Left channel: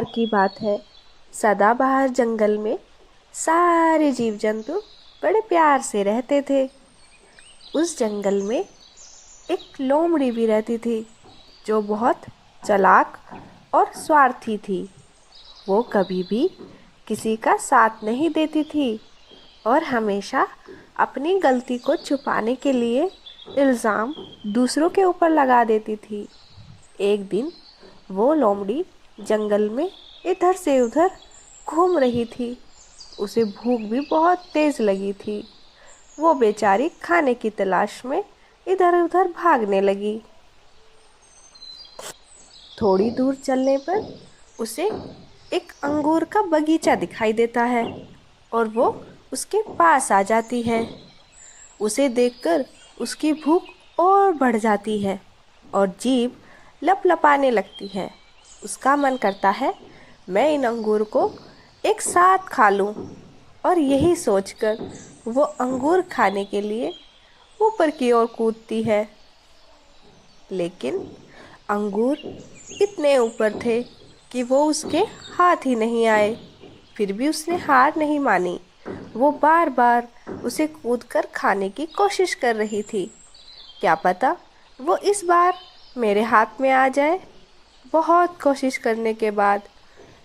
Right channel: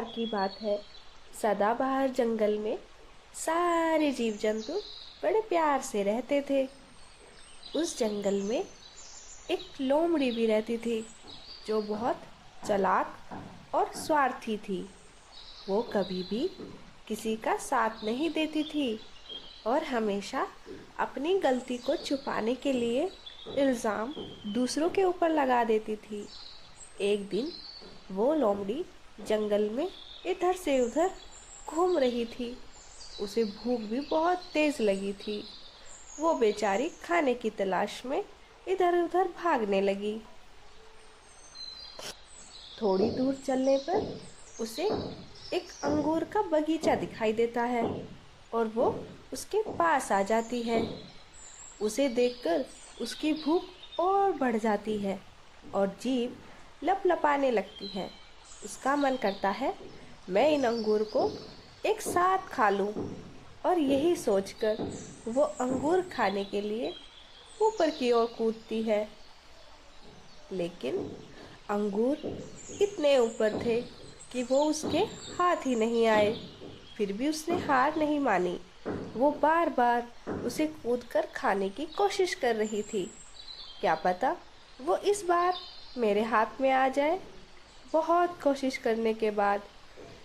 बार की बात है। सदाबहार जंगल में सारे जीव जंतु बड़े प्यार से रहते थे। उस जंगल में एक लोमड़ी भी रहती थी जो बहुत चालाक और स्वार्थी थी। वो कभी भी किसी का साथ नहीं देती थी और हमेशा अपनी गलती को छुपाने के लिए इल्ज़ाम दूसरों के ऊपर लगा देती थी। एक दिन वो लोमड़ी जंगल में इधर से उधर घूम रही थी। उसे भूख भी बहुत तेज़ लगी थी। वो बेचारी खाने की तलाश में इधर उधर भागने लगी। थोड़ी दूर चलने पर उसे एक अंगूर का बगीचा दिखाई देता है और वो उसके पास आ जाती है। उसे देखकर उसकी भूख और बढ़ जाती है और जीभ लपलपाने लगती है। उसका मन करता है मैं इन अंगूर को एक साथ खा लूं और यही सोचकर वो अंगूर खाने के लिए ऊपर की ओर कूदती है। लेकिन अंगूर इतने ऊपर थे कि वो उसके हाथ ही नहीं आए। फिर भी उसने हार नहीं मानी। वो बार बार उसे कूदकर खाने की कोशिश कर रही थी। क्या पता वो इस बार मेरे हाथ में आ जाए। बहुत कोशिश करने के बाद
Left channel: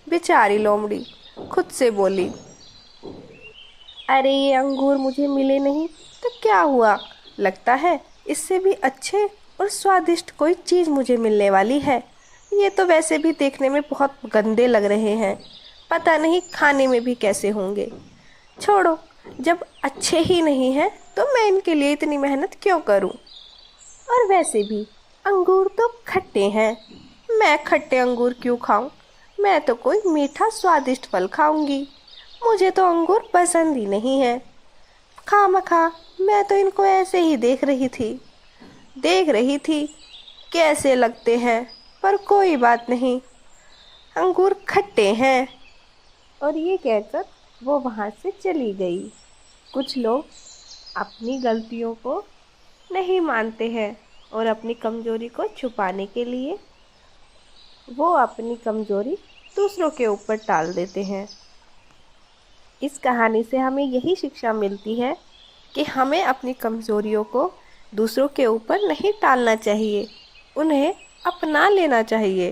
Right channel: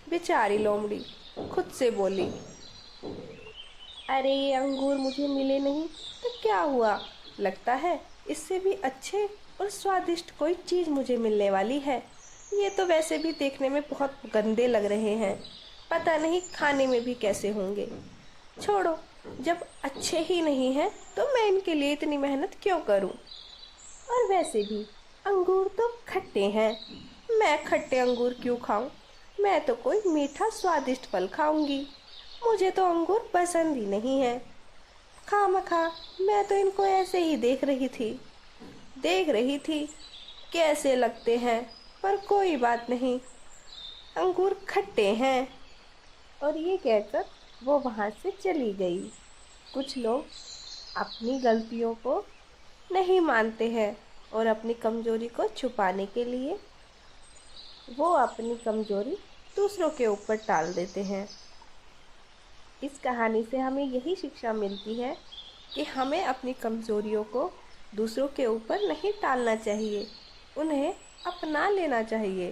बेचारी लोमड़ी खुद से बोली, अरे ये अंगूर मुझे मिले नहीं तो क्या हुआ, लगता है इससे भी अच्छे और स्वादिष्ट कोई चीज़ मुझे मिलने वाली है। ये तो वैसे भी देखने में बहुत गंदे लग रहे हैं, पता नहीं खाने में भी कैसे होंगे। छोड़ो, जब अच्छे ही नहीं हैं तो मैं इनके लिए इतनी मेहनत क्यों करूं। और वैसे भी अंगूर तो खट्टे हैं, मैं खट्टे अंगूर क्यों खाऊं। मैं तो कोई मीठा स्वादिष्ट फल खाऊंगी। मुझे तो अंगूर पसंद ही नहीं है। खामखा मैं तो इनको ऐसे ही देख रही थी कैसे लगते हैं, पर कोई बात नहीं, अंगूर खट्टे हैं। और ये कहकर वो वहाँ से चली गई। कुछ लोग अपनी गलतियों को नहीं मानते हैं और अपनी कमज़ोरी को छुपाने के लिए वो अपनी कमज़ोरी दूसरों के ऊपर टाल देते हैं। इस कहानी से हमें यही शिक्षा मिलती है कि हमें अपनी कमज़ोरियों को दूसरों के ऊपर नहीं टालना चाहिए, उन्हें अपना लेना चाहिए।